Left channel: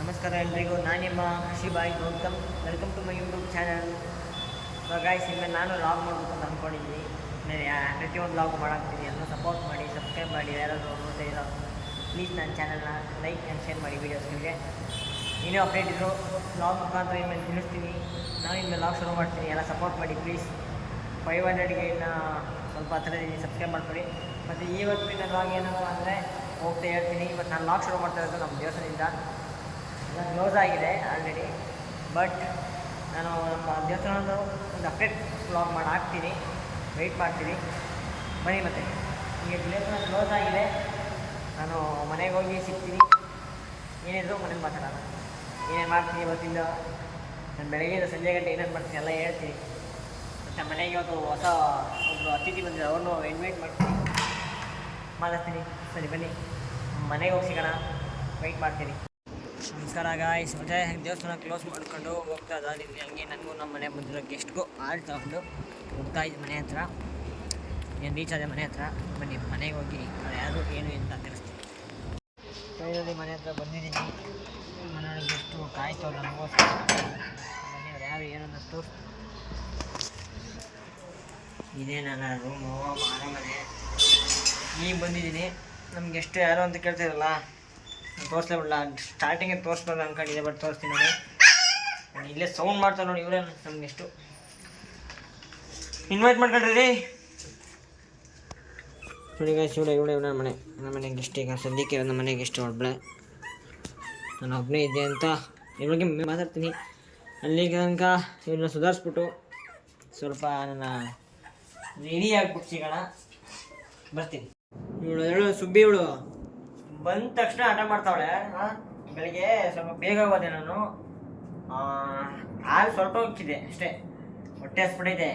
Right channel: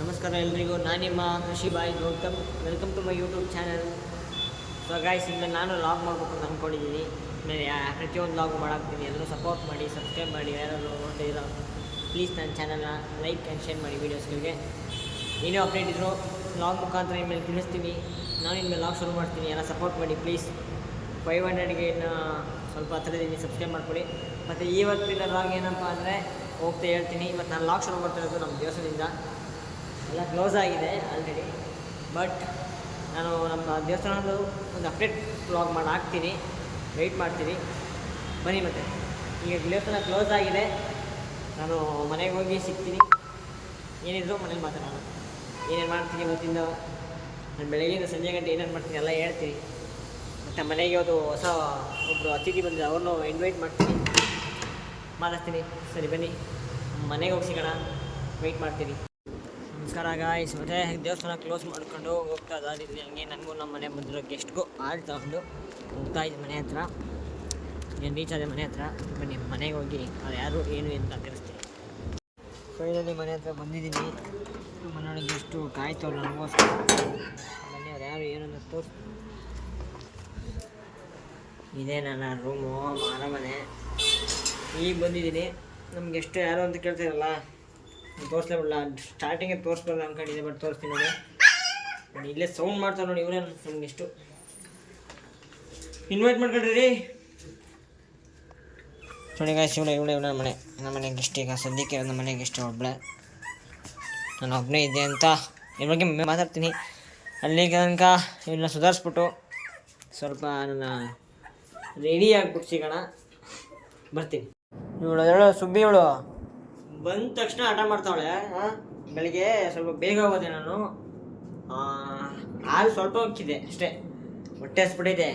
ನಮಸ್ಕಾರ ಎಲ್ರಿಗೂ, ನಾನು ನಿಮ್ಮ ಕೃಷಿ boy Gautam. Welcome to my YouTube channel. So guys, ಇನ್ಮೇಲೆ ನಾನು ಲಾಗ್ ಮಾಡಬೇಕು ಅಂತ ಅಂದ್ಕೊಂಡಿದ್ದೀನಿ. ಆಮೇಲೆ ಪ್ರತಿಯೊಂದು ಲಾಗು ಮಾಡಾಕ್ತೀನಿ. ಎಲ್ಲರೂ ಸಪೋರ್ಟ್ ಮಾಡಿ, ಸಬ್ಸ್ಕ್ರೈಬ್ ಮಾಡಿ. ಯಾರಾದರೂ ನೋಡ್ತಾ ಇರೋ ಪ್ಲೀಸ್ ನನ್ನ ಚಾನಲ್ನ ಲೈಕ್ ಆ್ಯಂಡ್ ಶೇರ್ ಮಾಡಿ. ವೀಡಿಯೋಸ್ಗಳಿಗೆ ಏನೇ ಅಪ್ಡೇಟ್ ಇದ್ದರೂ ಲಾಗ್ ಮುಖಾಂತರ ಇನ್ಮೇಲೆ ತಿಳಿಸ್ತೀನಿ. ನಾನು ಇನ್ಮೇಲೆ ಲಾಗ್ ಶುರು ಮಾಡ್ತೀನಿ. ಎಲ್ಲ ಸಪೋರ್ಟ್ ಮಾಡಿ ಪ್ಲೀಸ್. 500ಗೆ ಇನ್ನು ಸ್ವಲ್ಪ ಹತ್ತಿರದೀನಿ, ಸಬ್ಸ್ಕ್ರೈಬ್ ಮಾಡ್ಕೊಳ್ಳಿ. ಮತ್ತು ಇವತ್ತಿನ ಲಾಗ್ ಏನಪ್ಪ ಅಂದರೆ ಹೋಗ್ತಾ ಹೇಳ್ತೀನಿ. ಇವತ್ತು ನಾನು ಲಾಗ್ ಶುರು ಮಾಡ್ತಾ ಇರೋದು ನಮ್ಮ ದೇವಸ್ಥಾನದಿಂದ. ಎಲ್ಲ ಕ್ಲೋಸ್ ಆಗಿದೆ ಆಲ್ರೆಡಿ, ಬಟ್ ನಾನು ನಮ್ಮ ದೇವಸ್ಥಾನದ ಒಂದು ಅಪ್ಡೇಟ್ ವ್ಲಾಗ್ ಮಾಡಿ ಹಾಕ್ತೀನಿ. ವೆಯ್ಟ್ ಮಾಡ್ತೀನಿ, ಬನ್ನಿ. ಮತ್ತು ಈಗ ದೇವಸ್ಥಾನ ಕ್ಲೋಸ್ ಆಗಿದೆ. ನಾನು ಮನೆಗೆ ಹೋಗಿ ಸಿಗ್ತೀನಿ. ಏನಿದ್ರು ಮನೇಲಿ ಮಾತಾಡೋಣ. ಏನೇನು ಮಾಡ್ತೀನಿ ಇವತ್ತಿಂದ, ನಾನು ಬೆಳಗ್ಗೆಯಿಂದ ಸಂಜೆ ಗಂಟೆ ಏನೇನು ಮಾಡ್ತೀನಿ ಎಲ್ಲ ಹೇಳ್ತೀನಿ. ಮತ್ತು ಮನೆಗೆ ಇವತ್ತು ಹೊಸ ಒಬ್ಬರು ಅತಿಥಿ ಬಂದಿದೆ, ಅವ್ರನ್ನೂ ಇನ್ವೈಟ್ ಮಾಡ್ತೀನಿ, ಮಾತಾಡ್ತೀನಿ. ಸರಿ ಬನ್ನಿ, ಮನೆಗೆ ಹೋಗಿ ಸಿಗೋಣ. ವೆಯ್ಟ್ ಮಾಡ್ತೀನಿ. ನಮಸ್ಕಾರ ಗಾಯ್ಸ್. ಮತ್ತು ದೇವಸ್ಥಾನ ಕ್ಲೋಸ್ ಮಾಡ್ಕೊಂಡು ಹೋಗ್ತಾ ಇದ್ದೀನಿ. ಹಂಗೆ ನನಗೂ ನಮ್ಮ ಮನೆ ಬಂದಿರೋ ಗೆಸ್ಟ್ಗೂ ಆಲ್ ತಗೊಂಡು ಹೋಗ್ತಾ ಇದ್ದೆ ಮನೆ ಹತ್ರ. ಏನು ರೀಚ್ ಆದೆ ಮನೆ ಹತ್ರ. ಬನ್ನಿ ಮನೆಗೆ ಹೋಗಿ ಅದು ಯಾರು ಏನು ಅಂತ ತಿಳಿಸ್ತೀನಿ. ಫೈನಲಿ ಮನೆ ಹತ್ರ ಬಂದಿದ್ದೀನಿ. ಮನೆಯೊಳಗೆ ಗೆಸ್ಟು ಕಾಯ್ತವ್ರು ನನಗೋಸ್ಕರ. ಬನ್ನಿ, ಅವ್ರು ಯಾರು ಏನು ಅಂತ ತೋರಿಸ್ತೀನಿ. ಇದೇ ನನ್ನ ರೂಮು, ಮನೆ. ಈಗ ಬಂದಿದ್ದೀನಿ. ನಮ್ಮ ಗೆಸ್ಟು ಯಾರು ಅಂತ ಕೇಳ್ತಿರಲ್ಲ, ತೋರಿಸ್ಲೇ ಬಿಡಲ್ಲ. ಸ್ಟಾರ್ಟಿಂಗೇ ತೋರಿಸ್ಬೇಕು ಅಂದ್ಕೊಂಡಿದ್ದೆ, ಬಟ್ ತೋರಿಸ್ತೀನಿ ನೋಡಿ. ಇಲ್ಲೇ ಸೌಂಡ್ ಮಾಡ್ತಾರೆ ನೋಡಿ, ಇವರೇ ನಮ್ಗೆ ಎಷ್ಟು ಇನ್ವೈಟ್ ಮಾಡ್ಕೊಂಡ್ರಿ ರೀ. ನೋಡಿ ಗಾಯ್ಸ್, ಇವಳೆ ನನ್ನ ಮನೆ. ನಮ್ಮ ಮನೆಗೆ ಗೆಸ್ಟ್ ಈಗ ಸದ್ಯಕ್ಕೆ ನಮ್ಮ ಮನೆಗೆ ಗೆಸ್ಟ್ ಒಬ್ಬಳೆ. ನಾನು ಒಬ್ಬನೇ ಇದ್ದೆ ಅಂತ ಇದ್ರ ಬಗ್ಗೆ ಮಾತಾಡ್ತೀನಿ. ಅಲ್ಲಿಗೆ ತನಕ ಇವನ್ನ ಸುಧಾರಿಸ್ಬಿಟ್ಟು ಸ್ವಲ್ಪ ನನ್ನ ರೆಡಿ ಆಗ್ಬಿಟ್ಟು ಸಿಗೋಣ. ಬರ್ತೀನಿ. ಇವಳು ಸುಬ್ಬಿ, ಇವಳು ಬಂದ ತಕ್ಷಣ ಆಟ ಮಾಡ್ತಾವಳೆ. ಬೆಳಿಗ್ಗೆ ಸ್ವಲ್ಪ ಬೇಗ ಹೋದೆ ನಾನು. ಹಾಲು ಸ್ವಲ್ಪ ಹೋಗ್ತಿದ್ದೆ ಅಷ್ಟೇ, ಹೊಟ್ಟೆ ಹಸ್ಬಿಟ್ಟೈತೆ.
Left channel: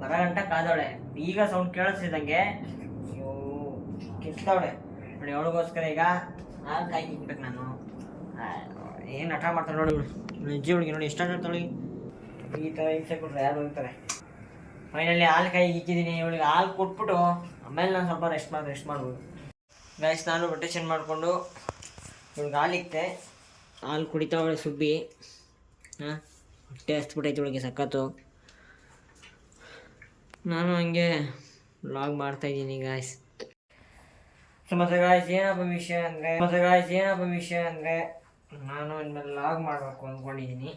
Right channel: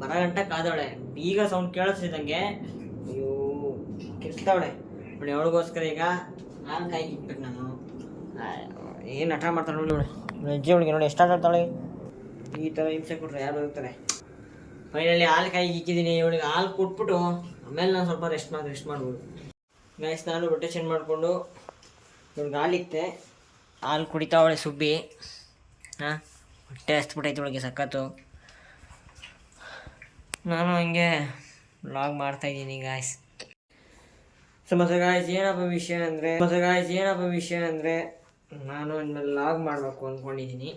ಬರೋ ಗಂಟ ಕಾದವಳೆ. ಈಗ ಸೌಂಡ್ ಕೇಳಿಸ್ತಿದ್ದಂಗೆ ಅಯ್ಯೋ ಕಿರ್ಸ್ತಾವಳೆ ನೋಡಿ. ಅವಳಿಗೋಸ್ಕರ ಈಗ ಹಾಲು ಕಾಯಿ ಇಕ್ಬೇಕು ನಾನು. ಏನು ಆಟ ಮಾಡ್ತಾಳೆ ನೋಡಿ ಇವಳು. ಅಜ್ಜಿ ಅವಳಿಗೆ ನೋಡಿ ಎಷ್ಟು ಆಟ ಆಡ್ತಾಳೆ. ಈ ಥರ ಹಿಂಸೆ ಕೊಟ್ಟರೆ ಯಾರು ಹೋಗ್ತಾರೆ. ಫೈನಲಿ ಹಾಲು ಕಾಯಿಗೆ ಇಕ್ಕಿದ್ದೀನಿ. ಇವಳಿಗೆ ಹಾಲು ಕೊಟ್ಬಿಟ್ಟು ಆಮೇಲೆ ನಾನು ಸ್ವಲ್ಪ ರೆಸ್ಟ್ ಮಾಡ್ಬೋದು. ಗೈಸ್, ನಾನು ಬಟ್ಟೆ ಚೇಂಜ್ ಮಾಡಿಕೊಂಡು ಇವ್ಳಿಗೆ ಹಾಲು ಇಕ್ತೆ. ಹಾಲು ಕುಡಿತಾವಳೆ ಸುಬ್ಬಿ. ಹೊಟ್ಟೆ ಹಸ್ಬಿಟ್ಟೈತೆ ಇವಳಿಗೆ ಸಖತ್ತು. ನಾನು ಹಂಗೆ ವ್ಲಾಗ್ ಮಾಡ್ತಾಯಿದ್ದೀನಿ ಗಾಯ್ಸ್. ಮತ್ತೆ ಗಾಯ್ಸ್ ಏನಪ್ಪ ವಿಷಯ ಅಂದರೆ ನಾನು ಇನ್ಮೇಲೆ ವ್ಲಾಗ್ ಮಾಡಬೇಕು ಅಂದ್ಕೊಂಡಿದ್ದೀನಿ.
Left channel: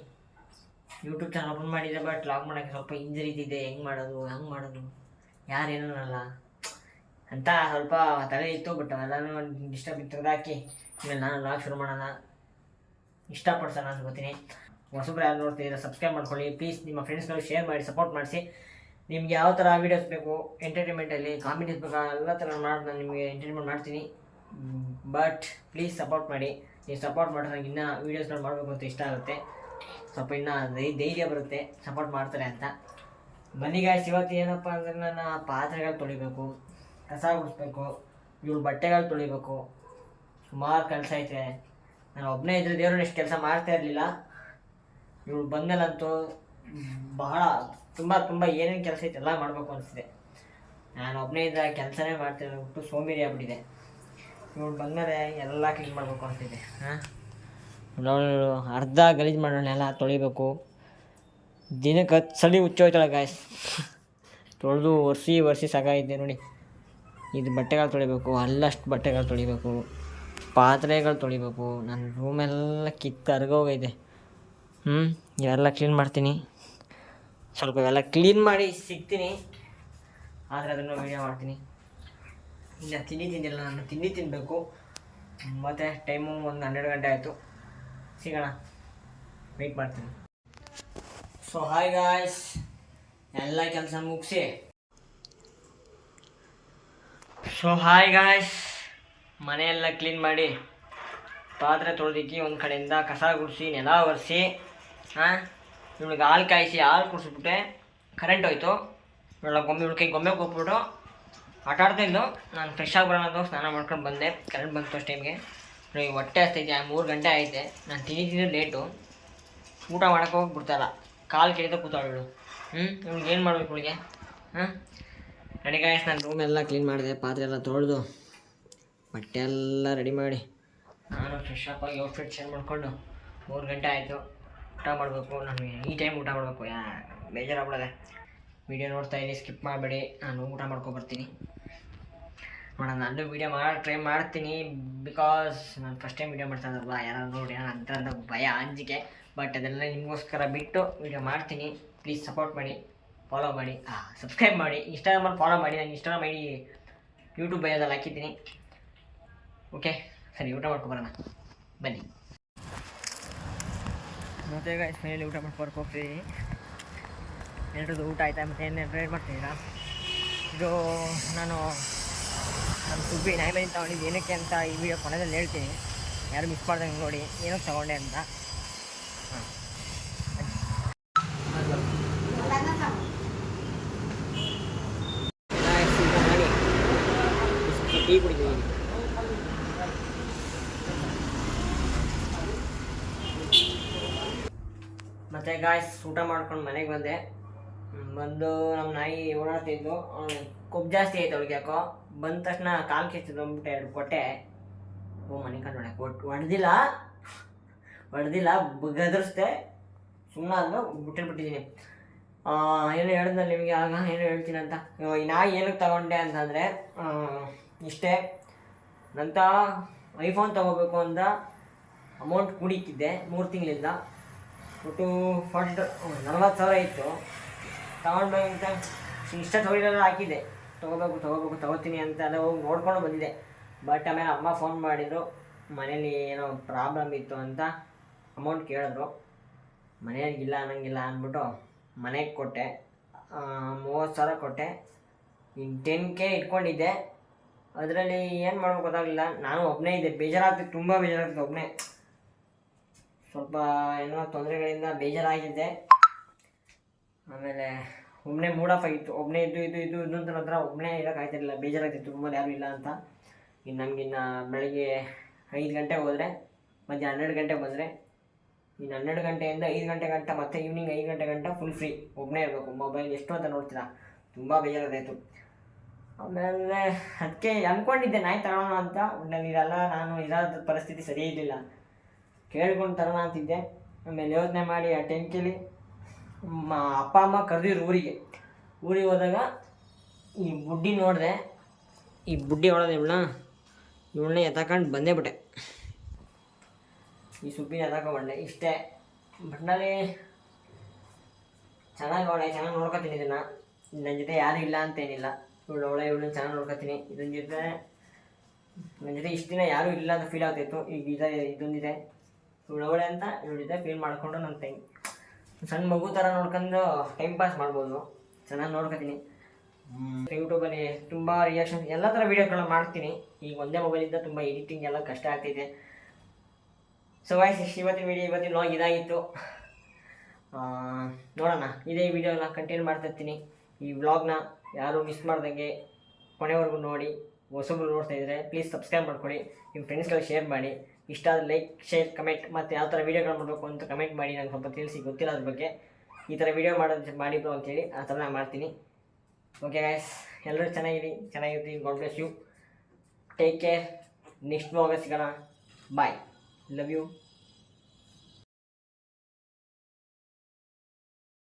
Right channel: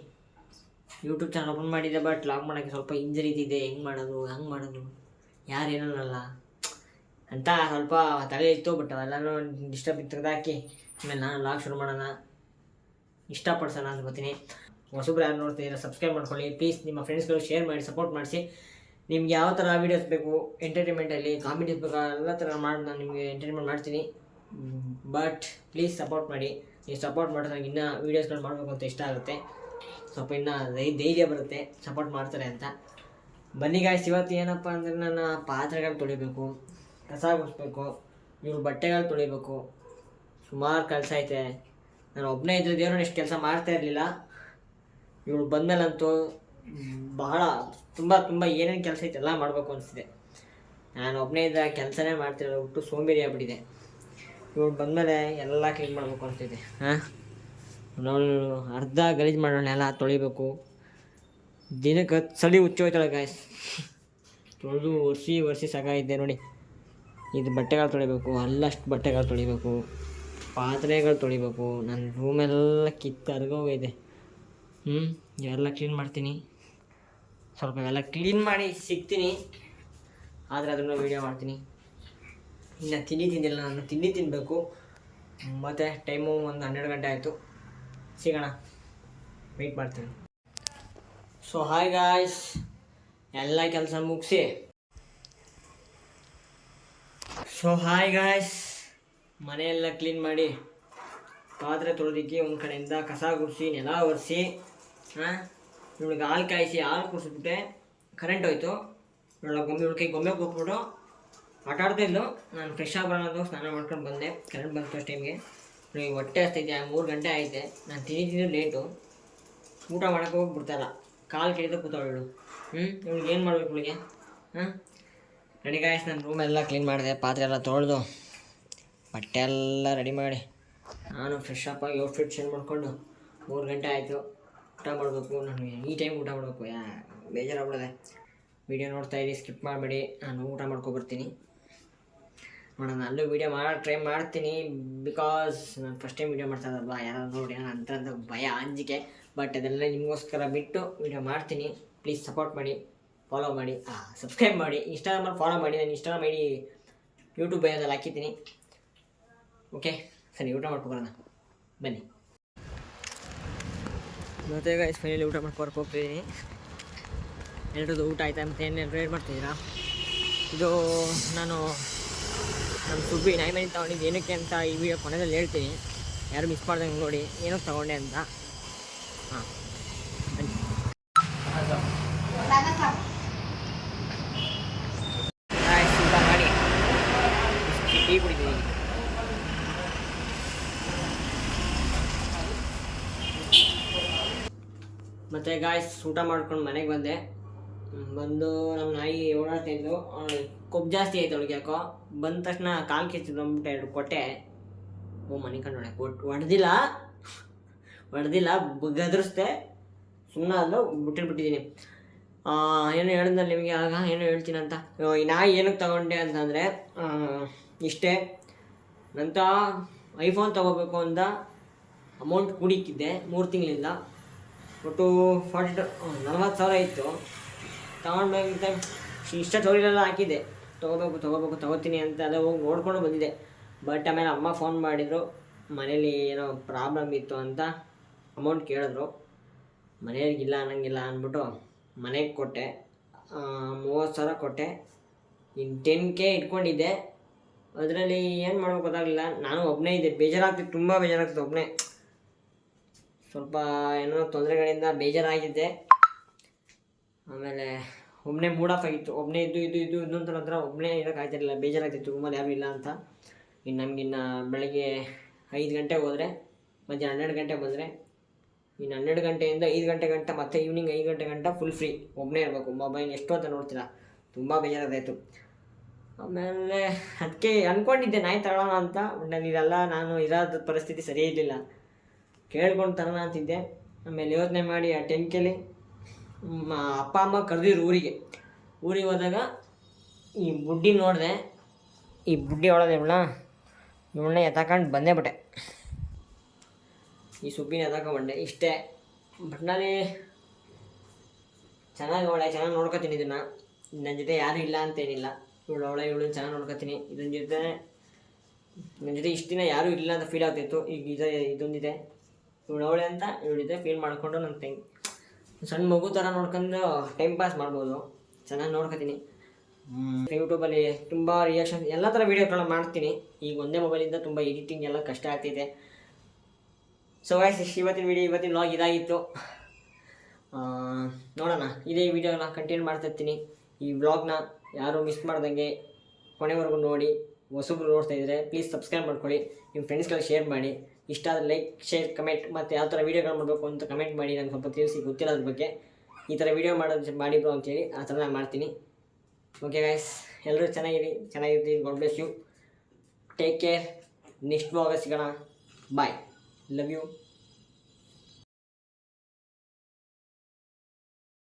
ಯೂಟ್ಯೂಬ್ ಚಾನಲ್ ಓಪನ್ ಮಾಡಿದ್ದೆ, ಬಟ್ ವ್ಲಾಗ್ ಮಾಡೋಕ್ಕೆ ಸ್ವಲ್ಪ ಇಂಜರಿ ಇದೆ. ಹೆಂಗೆ ಮಾಡೋದು ಯಾರೇನಲ್ಲ ಅಂತ ಸ್ವಲ್ಪ ತಲೆ ಇತ್ತು. ಬಟ್ ಅವೆಲ್ಲನೂ ಡಿಸ್ಟರ್ಬ್ ತೆಗೆದಾಕಿ ಆಮೇಲೆ ನಾನು ವ್ಲಾಗ್ ಶುರು ಮಾಡೋಣ, ಇಷ್ಟಪಡ್ಸೋಣ ಅನ್ಕೋತೀನಿ. ಹೊಸಬ್ರು ಯಾರು ನೋಡ್ತಿದ್ದೀರಾ ಸಬ್ಸ್ಕ್ರೈಬ್ ಮಾಡ್ಕೊಳ್ಳಿ ಪ್ಲೀಸ್. ನಿಮ್ಮ ಫ್ರೆಂಡ್ಸ್ಗಳು ಶೇರ್ ಮಾಡಿ, ಸಪೋರ್ಟ್ ಮಾಡಿಸಿ. ನಿಮ್ಗೆ ಯಾವ ಥರ ವೀಡಿಯೋಸ್ ಬೇಕು, ಎಂಟರ್ಟೈನ್ಮೆಂಟಲ್ಲಿ ಕಾಮಿಡೀಸ್ ಬೇಕು, ಎಲ್ಲ ಥರ ಮಾಡಿ ನಾನು ನಿಮಗೆ ಎಂಟರ್ಟೈನ್ಮೆಂಟ್ ಮಾಡ್ತೀನಿ. ಬಟ್ ಪ್ಲೀಸ್ ಸಪೋರ್ಟ್ ಮಾಡಿ. ನೀವು ಸಪೋರ್ಟ್ ಮಾಡಿದ್ರೆ ನನಗೆ ಇನ್ನೂ ವೀಡಿಯೋಸ್ಗಳು ಮಾಡಬೇಕು ಅಂತ ಇಷ್ಟ ಆಗುತ್ತೆ. ಸ್ವಲ್ಪ ಇನ್ನೂ ಧೈರ್ಯ ಬರುತ್ತೆ ಸಪೋರ್ಟ್ ಮಾಡ್ತಾರೆ ಅಂತ. ಬನ್ನಿ ಗಾಯ್ಸ್, ಇವತ್ತು ಏನಪ್ಪ ಅಂದರೆ ನನ್ನ ಪಾತ್ರೆಗಳು ತೊಳಿಬೇಕು, ಕಸ ಗುಡಿಸ್ಬೇಕು, ಇವ್ಳು ಬಟ್ಟೆಗಳು ತೊಳಿಬೇಕು. ಸುಮಾರು ಕೆಲಸ ಐತೆ. ನಾನು ಒಬ್ಬನೇ ಇದ್ದರೆ ದೇವ್ರನ್ನ ಎಷ್ಟು ಕೆಲಸ ಮಾಡ್ತಾ ಇರಲಿಲ್ಲ. ಇವಳು ಬಂದಮೇಲಂತೂ ಬಹಳ ತುಂಬ ಏನೇನು ಕೆಲಸ ಐತೆ ಎಲ್ಲ ಮಾಡಬೇಕು ಅನಿಸ್ತಿದೆ. ನಾನು ಒಬ್ಬನೇ ಇದ್ದರೆ ಕೆಲಸನೇ ಮಾಡ್ತಿರೋ ಬಿಟ್ಟು ಸೋಂಬೇರಿ ಆಗ್ಬಿಟ್ಟಿದೆ. ಇವಳು ಬಂದಮೇಲೆ ಎಲ್ಲ ಕ್ಲೀನ್ ಮಾಡಬೇಕು ಅನಿಸ್ತಿದೆ. ಅವಳು ಅರ್ಧ ಗಲೀಜು ಮಾಡೋಣ, ಎಲ್ಲ ತೊಳಿಬೇಕು. ದಿನಕ್ಕೆ 10 ಸಲ ಹುಚ್ಚೋಯ್ತಾಳೆ ಗಾಯ್ಸ್. ತೊಳೆದು ಒರೆಸಿ ಸಾಕಾಗಿದೆ ನೋಡಿ. ಇದು ಬಟ್ಟೆಗಳು ತೊಳಿಬೇಕು, ಅಲ್ಲಷ್ಟು ಬಟ್ಟೆಗಳು ತೊಳಿಬೇಕು, ಪಾತ್ರೆಗಳು ತೊಳಿಬೇಕು. ನನ್ನ ರೂಮೆಲ್ಲ ಕರ್ಗೋಗೈತೆ. ಇವೆಲ್ಲ ಕ್ಲೀನ್ ಮಾಡ್ತೀನಿ. ಸ್ವಲ್ಪ ಇವೆಲ್ಲ ಕ್ಲೀನ್ ಮಾಡಿ ಸಿಗ್ತೀನಿ. ಆದರೆ ಅದನ್ನು ವೀಡಿಯೋ ಮಾಡ್ತೀನಿ. ಇನ್ನು ತಿಂದಿಲ್ಲ, ನಾನು ತಿಂಡಿ ತಿನ್ನಬೇಕು. ಮತ್ತು ಟೈಮು ಒಂದು 12 ಗಂಟೆ ಆಯಿತು. ಸಿಗೋಣ, ವೆಯ್ಟ್ ಮಾಡ್ತೀನಿ. ಸೊ ಹಾಯ್ ಗಾಯ್ಸ್, ಎಲ್ಲ ಕೆಲಸ ಮುಗಿಸಿ ಮನೆಯೆಲ್ಲ ಕ್ಲೀನ್ ಮಾಡಿ, ಪಾತ್ರೆ ತೊಳೆದಿಕ್ಕಿ, ಒಂದು ಕಡೆಯಿಂದ ಕಸ ಗುಡಿಸಿ, ನೆಲ ಒರೆಸಿ, ಇವಳಿಗೆ ಹಾಲು ಕಾಯಿಸಿ, ಹಾಲು ಕುಡಿಸ್ಬಿಟ್ಟೆ. ಕರೆಂಟ್ ಹೋಯ್ತು. ಇವಳಿಗೆ ಗೊಂಬೆ ಕೊಟ್ಬಿಟ್ಟು ಆಟ ಆಡ್ತಾಯಿದ್ದು. ನಾನು ಫ್ರೆಶ್ ಆಗಿ ಬರೋಣ, ಸ್ನಾನ ಮಾಡ್ಕೊಂಡು ಬಂದೆ. ಕರೆಂಟ್ ಬಂತು ಅಷ್ಟು ಟೈಮ್ಗೆ. ಇವಳಿಗೆ ಹೊಟ್ಟೆ ಹಸ್ತೈತೆ. 3 ಗಂಟೆ ಆಯಿತೆ. ನಾನು ತಿಂದಿದ್ದು ಲೇಟು. ಊಟ ಮಾಡೋಕ್ಕೆ ಹೋಗ್ಬಿಡ್ತಾಯಿಲ್ಲ. ಕಾಲು ಕೆಳಗೆ ಕೂತಾಳು ಇವಳು. ಇವ್ಳಿಗೆ ಏನು ಮಾಡ್ಬೇಕು ಇವಳಿಗೆ? ರೆಡಿ ಗಾಯ್ಸ್, ನಾನು ರೂಮೆಲ್ಲ ಕ್ಲೀನ್ ಮಾಡಿದೆ, ಪಾತ್ರೆ ಎಲ್ಲ ತೊಳೆದು ಬಟ್ಟೆ ಎಲ್ಲ ರೆಡಿ ಮಾಡಿ ನಾನು ಫ್ರೆಶ್ ಅಪ್ ಆಗಿ ಔಟ್ಫಿಟ್ ಚೇಂಜ್ ಮಾಡಿಕೊಂಡು 3 ಗಂಟೆ ಆಯಿತು, ಊಟ ಮಾಡಬೇಕು. ನಾನು ಈ ಟೈಮ್ ಊಟ ಮಾಡಬೇಕು, ಬೇಜಾರಾಗ್ಬಿಡೋದೆ. ವೀಡಿಯೋ ನೋಡ್ತಾ ಇರಿ, ಸ್ಕಿಪ್ ಮಾಡಬೇಡಿ. ನಾನು ಊಟ ಮಾಡ್ಕೊಬರ್ತೀನಿ. ನೋಡೋಣ, ಅಲ್ಲೂ ವೀಡಿಯೋ ಮಾಡೋ ಟ್ರೈ ಮಾಡ್ತೀನಿ. ಬಿಕಾಸ್ ನಾನು ಫಸ್ಟ್ ಟೈಮ್ ವೀಡಿಯೋ ಮಾಡ್ತಾಯಿದ್ದಲ್ವ, ಯಾರು ನೋಡಿ ಅಂತ ಭಯ, ಅಂಜಿಕೆ. ಬಟ್ ಅದೆಲ್ಲ ನಿಮಗೋಸ್ಕರ ಬಿಟ್ಟು ವೀಡಿಯೋ ಮಾಡ್ತೀನಿ. ಪ್ಲೀಸ್ ಸಪೋರ್ಟ್ ಮಾಡಿ, ಫಾಲೋ ಮಾಡಿ, ಸಬ್ಸ್ಕ್ರೈಬ್ ಮಾಡಿ. ಇನ್ಸ್ಟಾಗ್ರಾಮಲ್ಲಿ ಫಾಲೋ ಮಾಡಿ. ನಾನು ಇನ್ಸ್ಟಾಗ್ರಾಮ್ ಐಡಿ ಯೂಟ್ಯೂಬ್ ಬಯೋದಲ್ಲಿ ಹಾಕಿದ್ದೀನಿ. ಓಕೆ, ಸರಿ, ಊಟ ಮಾಡ್ಕೊಬರೋಣ ಬನ್ನಿ. ಮತ್ತೆ ಫೈನಲಿ ಊಟ ಮಾಡ್ಕೊಬರಕ್ಕೆ ಹೋಗ್ತಿದ್ದೀನಿ. ಎಲ್ಲರದ್ದು ಊಟ ಆಯಿತಾ? ಮತ್ತು ಏನೇನು ರೇಟ್ ಮಾಡ್ತಿದ್ದೀರಾ? ಇದು ನಾನು ನಮ್ಮ ಸುಬ್ಬಿ ನಾಯಿ ಮನೆ ತೊಗೊಂಡಿದ್ದು ಏನಕ್ಕೆ ಅಂತ ಈ ವಿಡಿಯೋ ಕೊನೆಯಲ್ಲಿ ಹೇಳ್ತೀನಿ. ಯಾರು ಮಿಸ್ ಮಾಡ್ದಂಗೆ ನೋಡಿ ಏನಕ್ಕೆ ತೊಗೊಂಡೆ ಅಂತ. ಹಾಂ, ಊಟ ಮಾಡಿ ಟೀ ಕುಡಿತೀನಿ. ಮತ್ತು ಗಾಯ್ಸ್, ಊಟ ಮಾಡ್ಕೊಂಡು ಮನೆಗೆ ಬಂದು ನಮ್ಮ ನಾಯಿ ಓಡಾಡ್ತಿದ್ದು. ಕೊಬ್ಬು ಜಾಸ್ತಿ ಆಯ್ತು ಅವಳಿಗೆ, ಯಾಕೋ ಬಂದ ತಕ್ಷಣ ಕಾಲು ಕಿಚ್ಚಿದ್ದು ಅಂದ್ಬಿಟ್ಟು 2 ಕೊಟ್ಟೆ. ಮನೆ ಕಂಡು ಹೊಡೆದಿಲ್ಲ, ಗದರಿಸ್ದೆ, ಸುಮ್ಮನೆ ಅದು ಬಿಟ್ಟಿದ್ದೀನಿ. ಏನು ಹೇಳಿದ್ನಲ್ಲ ನಿಮಗೆ ಆಗ, ಏನು ಹೇಳ್ತೀನಿ ಅಂತ. ಈ ನಾಯಿ ಏನಕ್ಕೆ ತಗೊಂಡೆ ಅಂತಂದರೆ ಇಷ್ಟೇ. ನಂತ ಐಫೋನ್ ತೊಗೋಬೇಕು ಅಂತ ಅಮೌಂಟ್ ಕೂಡಿಕ್ಕಿದ್ದೆ 3 ತಿಂಗಳಿಂದ. ಒಟ್ಟು 40,000 ಇತ್ತು. ತಗೊಂಡೋಗಿದ್ದೆ, ಇಷ್ಟ ಸ್ಟೋರಿಲೆಲ್ಲ ಹಾಕಿದ್ದೆ, ತೊಗೋತೀನಿ ಅಂತ ಎಲ್ಲ ಹೋಗಿ ನೋಡ್ಕೊಂಡು ಬಂದಿದ್ದೆ. ಬಟ್ ಆಮೇಲೆ ಅಮ್ಮ ಫೋನ್ ಮಾಡಿದರು, ಮನೇಲಿ ಏನೋ ಪ್ರಾಬ್ಲಮ್ ಇತ್ತು ಅಂತ ಅಮೌಂಟ್ ಕೇಳಿದ್ರು. ಮನೆಯವ್ರಿಗಿಲ್ಲ ಅನ್ನಂಗಿಲ್ಲ ಅಂದ್ಬಿಟ್ಟು ಮನೆಗೆ ಕೊಟ್ಟೆ. 30,000 ಕೊಟ್ಟೆ. ಇನ್ನು 10K ಇಟ್ಕೊಂಡಿದ್ದೆ. ಅದರಲ್ಲಿ ಏನು ಮಾಡ್ಬೇಕು ಗೊತ್ತಾಗಲಿಲ್ಲ. ನಾನು ಒಬ್ಬನೇ ಇದ್ದೆ, ಬೇಜಾರಾಗ್ತಿತ್ತು, ತುಂಬ ಬೇಜಾರಾಗ್ತಿತ್ತು ಒಬ್ಬನೇ. ಸ್ವಲ್ಪ ಏನೋ ತೊಂದರೆಗಳಿಂದ ಬೇಜಾರಾಗಿದ್ದೆ. ಆಮೇಲೆ ಒಬ್ಬನೇ ಮೂಡ್ ಆಫ್ ಆಗಿತ್ತು. ಒಬ್ಬನೇ ಇದು ಅಂತ ನಂತರ ಒಬ್ಬನೇ ಇರೋಕ್ಕಾಗ್ತಿರಲಿಲ್ಲ, ಬೇಜಾರಾಗ್ತಿತ್ತು ರೂಮಲ್ಲಿ ಯಾರೂ ಇಲ್ಲ ಅಂತ. ನಮಗಿನ್ನು ಬೆಳಗ್ಗೆ 5 ಗಂಟೆಗೆ ಹೋದರೆ ಮಧ್ಯಾಹ್ನ 12 ಗಂಟೆಗೆ ಬಂದರೆ, ಇನ್ನು 12 ಗಂಟೆಯಿಂದ 5 ಗಂಟೆ ಗಂಟ, ಮತ್ತು ಈವ್ನಿಂಗ್ 5 ಗಂಟೆ ಗಂಟ ಫುಲ್ ಫ್ರೀ, ಒಬ್ಬನೇ ಇರಬೇಕು. ಮೊಬೈಲ್ ಎಷ್ಟು ಅಂತ ನೋಡ್ತೀರಾ, ತುಂಬ ಬೇಜಾರಾಗ್ತಾಯಿತ್ತು. ಆಮೇಲೆ ಅದಕ್ಕೆ ಅಂದ್ಕೊಂಡಿದ್ದೆ ನಾಯಿ ತಗೊಳ್ಳೋಣ ಅಂತ. ನನಗೆಲ್ಲ ನಾನು ಇರೋದ ಪರಿಸ್ಥಿತಿ ಸರಿ ಇರಲಿಲ್ಲ, ಕೇಳ್ಕೊಂಡು ತರೋಣ ಅಂತಿದ್ದೆ. ಆಮೇಲೆ ಯೋಚನೆ ಮಾಡಿ ಆ 10Kಲಿ ಅಪ್ಪ ಅಮ್ಮ ಕರೆದಿದ್ರು ಊರಿಗೆ ಹೋದಾಗ ಈ ಬುಡ್ಡಿ ನೋಡಿದೆ. ಈ ಬುಡ್ಡಿ ಇವಳನ್ನ ಎತ್ತಾಕೊಂಡು ಬಂದೇ ಬಿಟ್ಟೆ. ಈ ಸುಬ್ಬಿನ ಎತ್ತಾಕೊಂಡ್ಬಂಡೆ ಇಷ್ಟೇ. ಬಟ್ನಲ್ಲಿ ಚೆನ್ನಾಗಿ ನೋಡ್ಕೊತೀನಿ. ಇದನ್ನು ನನ್ನ ಜೊತೆ ಯಾರೂ ಇಲ್ಲ ಅಂತೇನಿಲ್ಲ. ಇವಳನ್ನ ಚೆನ್ನಾಗಿ ನೋಡ್ಕೊತೀನಿ. ನನ್ನ ಜೊತೆ ಇಷ್ಟು ದಿನ ಯಾರೂ ಇಲ್ಲ ಅಂತ ಫೀಲ್ ಆಗ್ತಾಯಿತ್ತು. ಈಗ ಇದೊಂದಿದೆ, ಇವಳವಳೆ ಅಂತ ಇವಳ ಜೊತೆ ಫೀಲ್ ಮಾಡಿಕೊಂಡು ನನ್ನ ಸಣ್ಣ ಮಗು ಥರ ನೋಡ್ಕೊಂಡು ಟೈಮ್ ಪಾಸ್ ಮಾಡ್ಬೋದು. ಚೆನ್ನಾಗಿ ನೋಡ್ಕೊತೀನಿ. ಯೂಟ್ಯೂಬಲ್ಲಿ ತುಂಬ ರಿಯಾಕ್ಷನ್ ಎಲ್ಲ ಥರ ವೀಡಿಯೋಗಳನ್ನ ಮಾಡ್ತೀನಿ. ಈಗ ಒಂದೇ ಮೊಬೈಲಿಂದ ತುಂಬ ಎಡಿಟಿಂಗ್ ಎಲ್ಲ ಕಷ್ಟ ಆಗ್ತಿದೆ. ಸೊ ಗೈಸ್, ಇವತ್ತಿನ ವ್ಲಾಗ್ ಇದಾಗಿತ್ತು. ನೋಡೋಣ, ಇದೇ ವಿಡಿಯೋನ ಕಂಟಿನ್ಯೂ ಮಾಡ್ತಾಯಿರ್ತೀನಿ. ಈ ವ್ಲಾಗ್ನ ಯಾರೂ ಮಿಸ್ ಮಾಡ್ದಂಗೆ ಕೊನೆವರೆಗೂ ನೋಡಿ. ಹೊಸಬ್ರು ನೋಡ್ತಾಯಿದ್ರೆ ಪ್ಲೀಸ್ ಸಬ್ಸ್ಕ್ರೈಬ್ ಮಾಡ್ಕೊಳ್ಳಿ, ನಿಮ್ಮ ಫ್ರೆಂಡ್ಸ್ಗಳಿಗೆ ಶೇರ್ ಮಾಡಿ. ಇಷ್ಟ ಆದರೆ ಲೈಕ್, ಶೇರ್, ಕಮೆಂಟ್, ಮತ್ತು ಯಾವ ಥರ ವೀಡಿಯೋಗಳು ಮಾಡಬೇಕು ಅಂತ ಕಮೆಂಟ್ ಮಾಡಿ. ನನಗೆ ಸ್ವಲ್ಪ ತಿಳಿಸಿ, ಗೊತ್ತಿರೋದ್ರ ಬಗ್ಗೆ ಈ ಥರ ವೀಡಿಯೋ ಮಾಡಿದ್ರು ಅಂತೇಳಿ ಆ ಥರ ನಾನು ಮಾಡ್ತೀನಿ. ಓಕೆ ಗೈಸ್, ಎಲ್ಲರೂ ಚೆನ್ನಾಗಿರ್ತೀವಿ. God bless you, take care. Next ವ್ಲಾಗಲ್ಲಿ ಸಿಗೋಣ. Bye, love you.